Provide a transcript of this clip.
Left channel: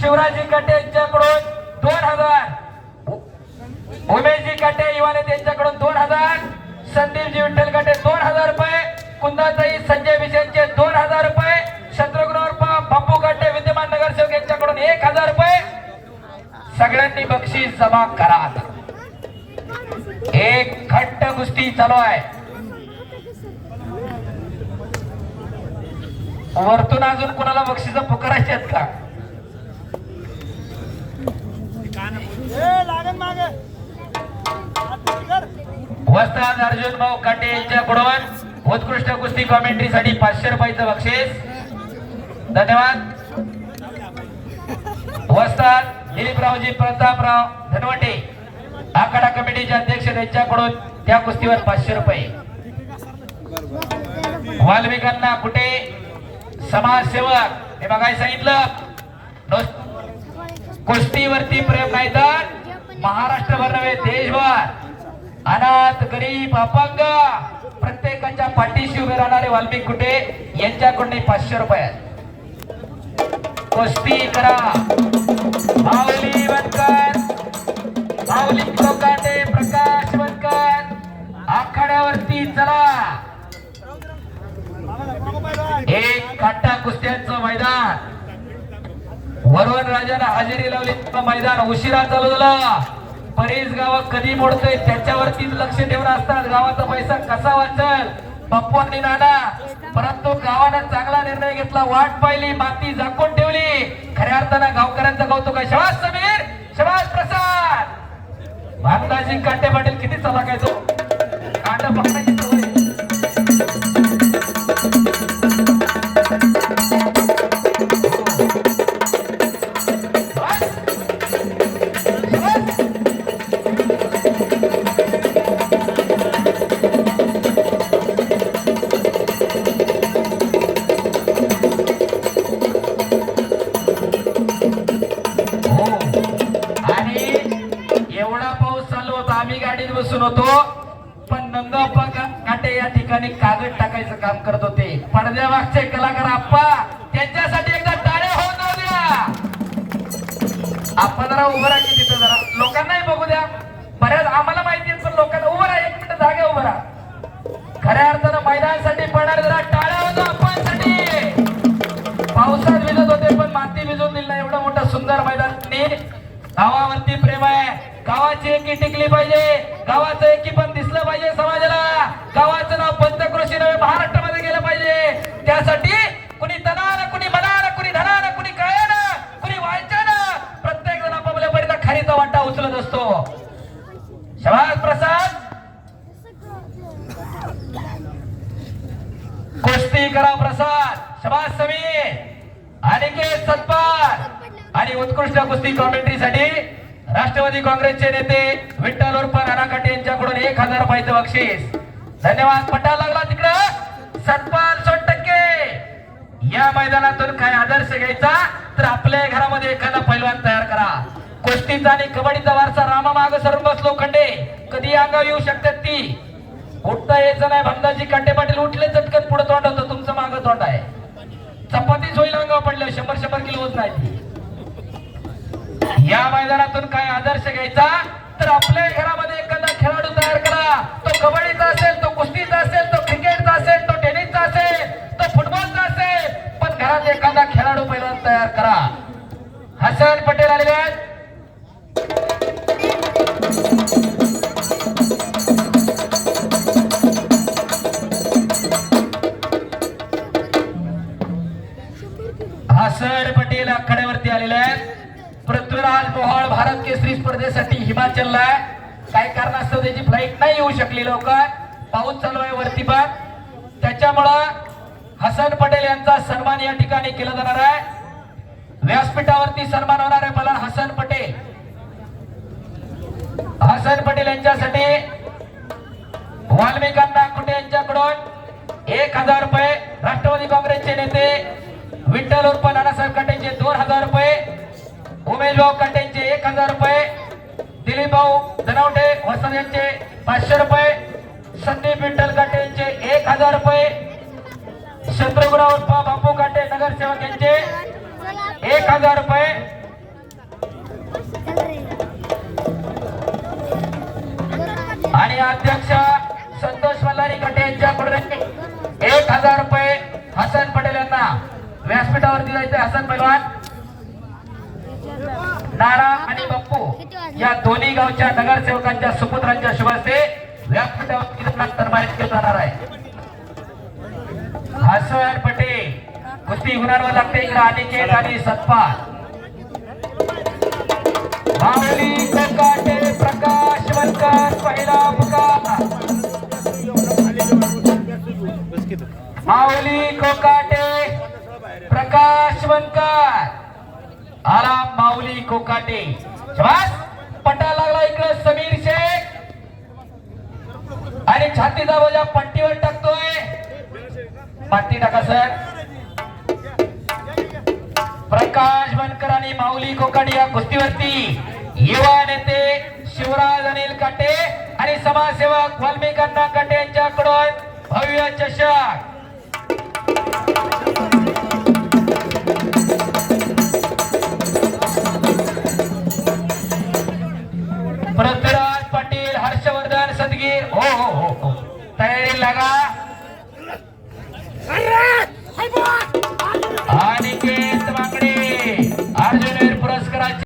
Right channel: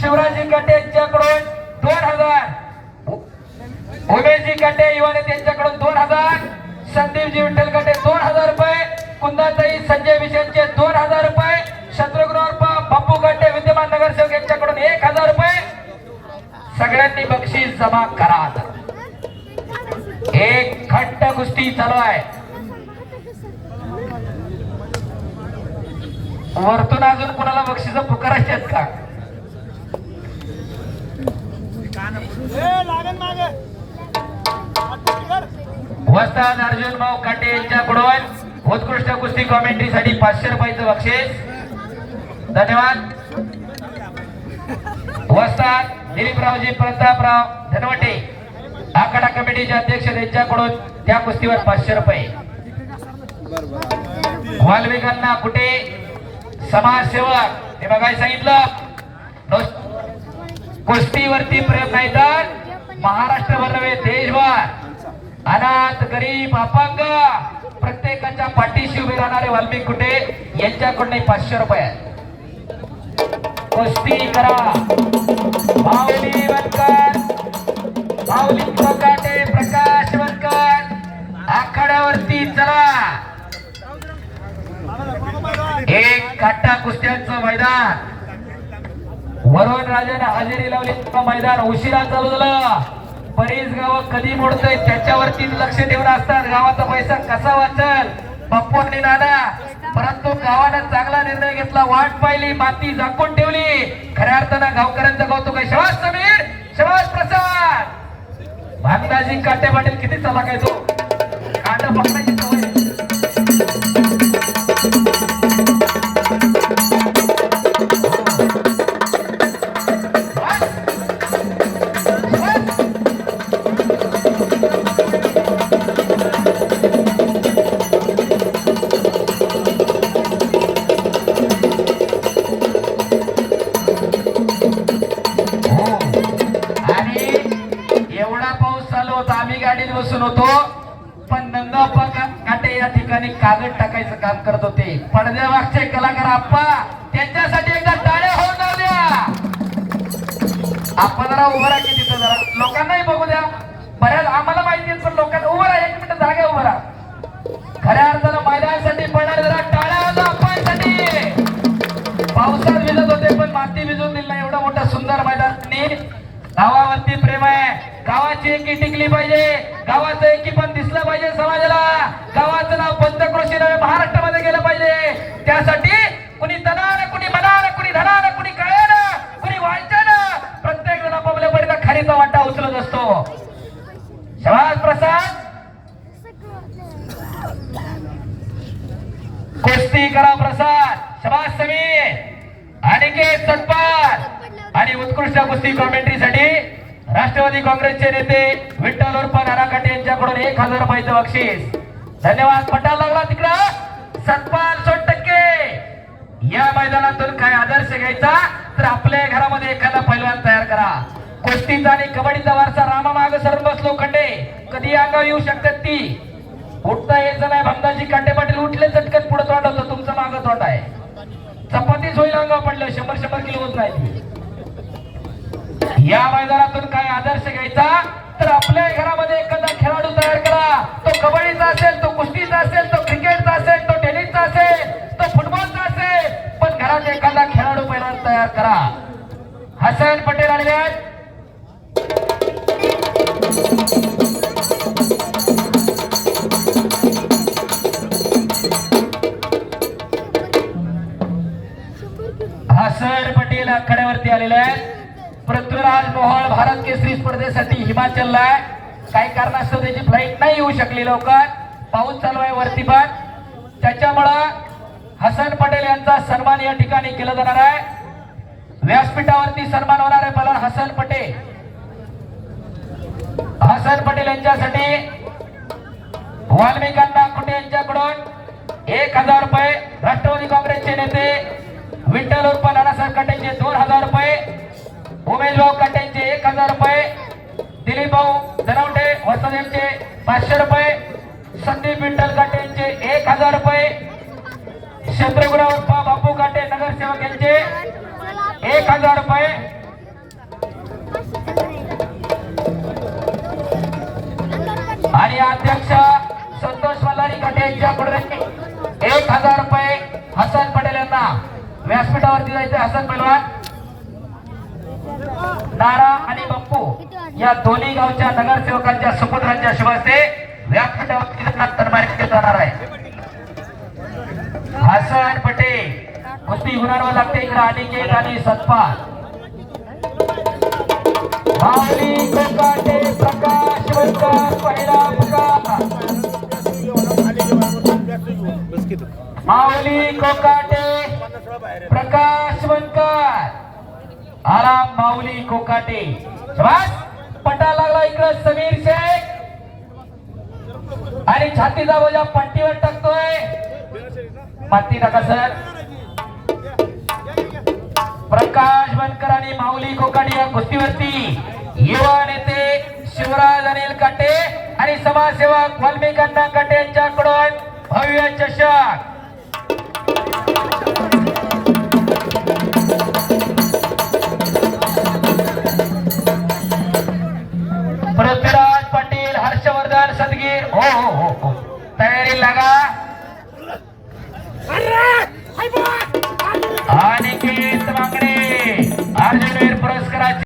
शिवराजी काटे यांच्याकडून 2000, उमेशजी काटे युवा नेते यांच्याकडून 2000, संदीपजी विठ्ठल काटे 2000 रुपये, कुंदाताई संजय विजयचे 2000 रुपये, शत्रुघ्न बापू काटे विद्यमान नगरसेवक यांच्याकडून 1000 रुपये. सगळ्यांनी बक्षीस जमा करा. एक खट्ट कुस्ती चालू आहे. वरतून अजून कोणाला बक्षीस पुकारायचे आहेत का? वस्ताद अर्जुन भाऊ काटे यांच्याकडून उत्कृष्ट कुस्ती कॉमेंट्रीसाठी 500 रुपयाचं बक्षीस. धन्यवाद. वस्ताद दिलीपरावजी प्रतापराव धनवटे आखाडा कमिटीचे अध्यक्ष यांच्याकडून त्या कुस्तीवर 500 रुपये. वाल्मिकांना कुठे समाजसेवक हे बघायला सांगितलं. कुस्तीवरती प्रेम नाही तर महाराष्ट्रभर नव्हे देशभर अनाथ गरीब अपंग प्रत्येकाच्या पाठीशी उभे राहणारे वाल्मिक कुठे यांच्याकडून 500 रुपये. कुस्ती करा. माऊली वनकर, माऊली कोकाटे, प्रकाश वनकर आखाड्यावरती चला. एक काटा कुस्त्यांचं मैदान. वरुण राजाने हजेरी लावली. मैदान उशिरा चालू झालं. बरीच गाव कधी मोडतोय त्याच्यावरती लक्ष ठेवून असतात. गावाचा पैसा कसा वाचल बाप्पूंनी नाना, परंतु गावानं चांगला निर्णय घेतला. वाट पाहिली, माती झाकून ठेवली. खऱ्या अर्थानं गावकऱ्यांचं कौतुक आहे. शबास समीर, शबास प्रसाद. भागदाजी काटे पाटील किती चला काय तो काटा पकडायची सवय. बसून होतो पण नंदाप्पा काटे या ठिकाणी कागद टाकायचं काम करत होते. पडद्यामागचे कलाकार आप्पा त्यांच्यासाठी एकदा टाळ्या होऊन जाऊ द्या. आपण जरा उभं राहा की तिथं, जरा लोकांनाही बघू द्या. बऱ्याच आम्हाला माहिती आहे पण लोकांना उभं राहा. 1 मिनिट जागा उभं राहा. खऱ्या अर्थानं मैदानासाठी पडणार जरा टाळ्या होता आप्पांसाठी. पावसात भिजत होते पण माती भिजून दिली नाही. एवढं मोठं सुंदर मैदान. गावावरती प्रेम आहे. गावाची एकी टिकली पाहिजे. गावाचं एकी पण दिसलं पाहिजे समाजाला. गावाचं नाव पंचक्रोशी नव्हे महाराष्ट्रामध्ये गेलं पाहिजे. त्यासाठी कुणी तनानं, कुणी मनानं, कुणी धनानं, कुणी काळ्यानं, कुणी वायच्यानं प्रत्येक जण आपापल्या पडीचा खारीचा वाटा उचलत असतो. शबास प्रसाद. कुस्ती करा प्रसाद. शबास समीर, अनिकेत सतपाल. आणि उत्कृष्ट कुस्ती कॉमेंट्रीसाठी राष्ट्रवादी काँग्रेसचे नेते विठ्ठल उर्फ नाना काटे यांच्याकडून 1000 रुपयाचं बक्षीस. धन्यवाद. पटायला लागला तिकडं सतपाल 100%. या मैदानातून काय आदर्श घ्यायचा तर आपल्या घरामध्ये एखादा पैलवान तयार करा. कुस्तीचा आणि कबड्डीचा वारसा रामा माग सरून बसलो खंडे कधी अंगावर येऊ शकतात ती. उठता यायचं नाही. भमदाजी काटे पाटील उठले चटकन पुढे तोंड होतं. तुमचं मागं तोंड आहे. चपातीच होईल अंगावर पडलं. 100 किलो होत नाही. या मैदानातून काय आदर्श घ्यायचा तर आपल्या घरामध्ये एखादा खेळाडू तयार करा. तो कबड्डीचा असेल, तो कुस्तीचा असेल, तो क्रिकेटचा असेल, तो टेनिसचा असेल, तो फुटबॉलचा असेल, पण घरात एखादा खेळाडू पहिला तयार करा. हसन पटेल आलेले आहेत. हसन पटेल आखाड्यावरती आलेले आहेत. पृथ्वीराज मोहोळ भारत केसरी स्पर्धेसाठी हिमाचलला काही कारणास्तव त्याची फ्लाईट नाही येऊ शकली लवकर. पाऊस चालू आहे वरती पण, त्याच्यामुळं हसन पटेल यांचा सन्मान या ठिकाणी केला जाणार आहे. व्यासपीठावरती सन्मान होणार आहे. पहिला हसन पटेल. हसन पटेल यांच्यासाठी वाल्मिकांना कुठे यांच्याकडून 1000 रुपये. राष्ट्रवादी काँग्रेसचे नेते विठ्ठल उर्फ नानासाहेब काटेंचे 2000 रुपये. उमेश भाऊ काटेंचे 1000 रुपये. दिलीप भाऊ धनवटे वसंत यांचे 500 रुपये. संदीप विठ्ठल काटे यांचे 1000 रुपये. शत्रुघ्न उर्फ बापू काटे नगरसेवक यांचे 1000 रुपये. जायचं हसन पैलवान नारा आणि बाप्पू या दोन्ही गावच्या नगरसेवकांच्या सुपुत्रांच्या शुभ हस्ते व्यासपीठावर तन्मानित केलं जाणार आहे. हसन पटेल कुस्ती गुणांवर लागते इकडे अनिकेत आणि सत्पाल माऊली कोकाटे प्रकाश वंकर पहिला मुकाम माऊली कोकाटे प्रकाश वंकर आला माऊली कोकाटे शाबास पटा लागला इकडे समीर शेख आणि छातीचा बोजा पट्टीवर टाकतोय पट्टी टाका सर. प्रकाश बनकर आणि माऊली कोकाटे या कुस्तीवरती युवा नेते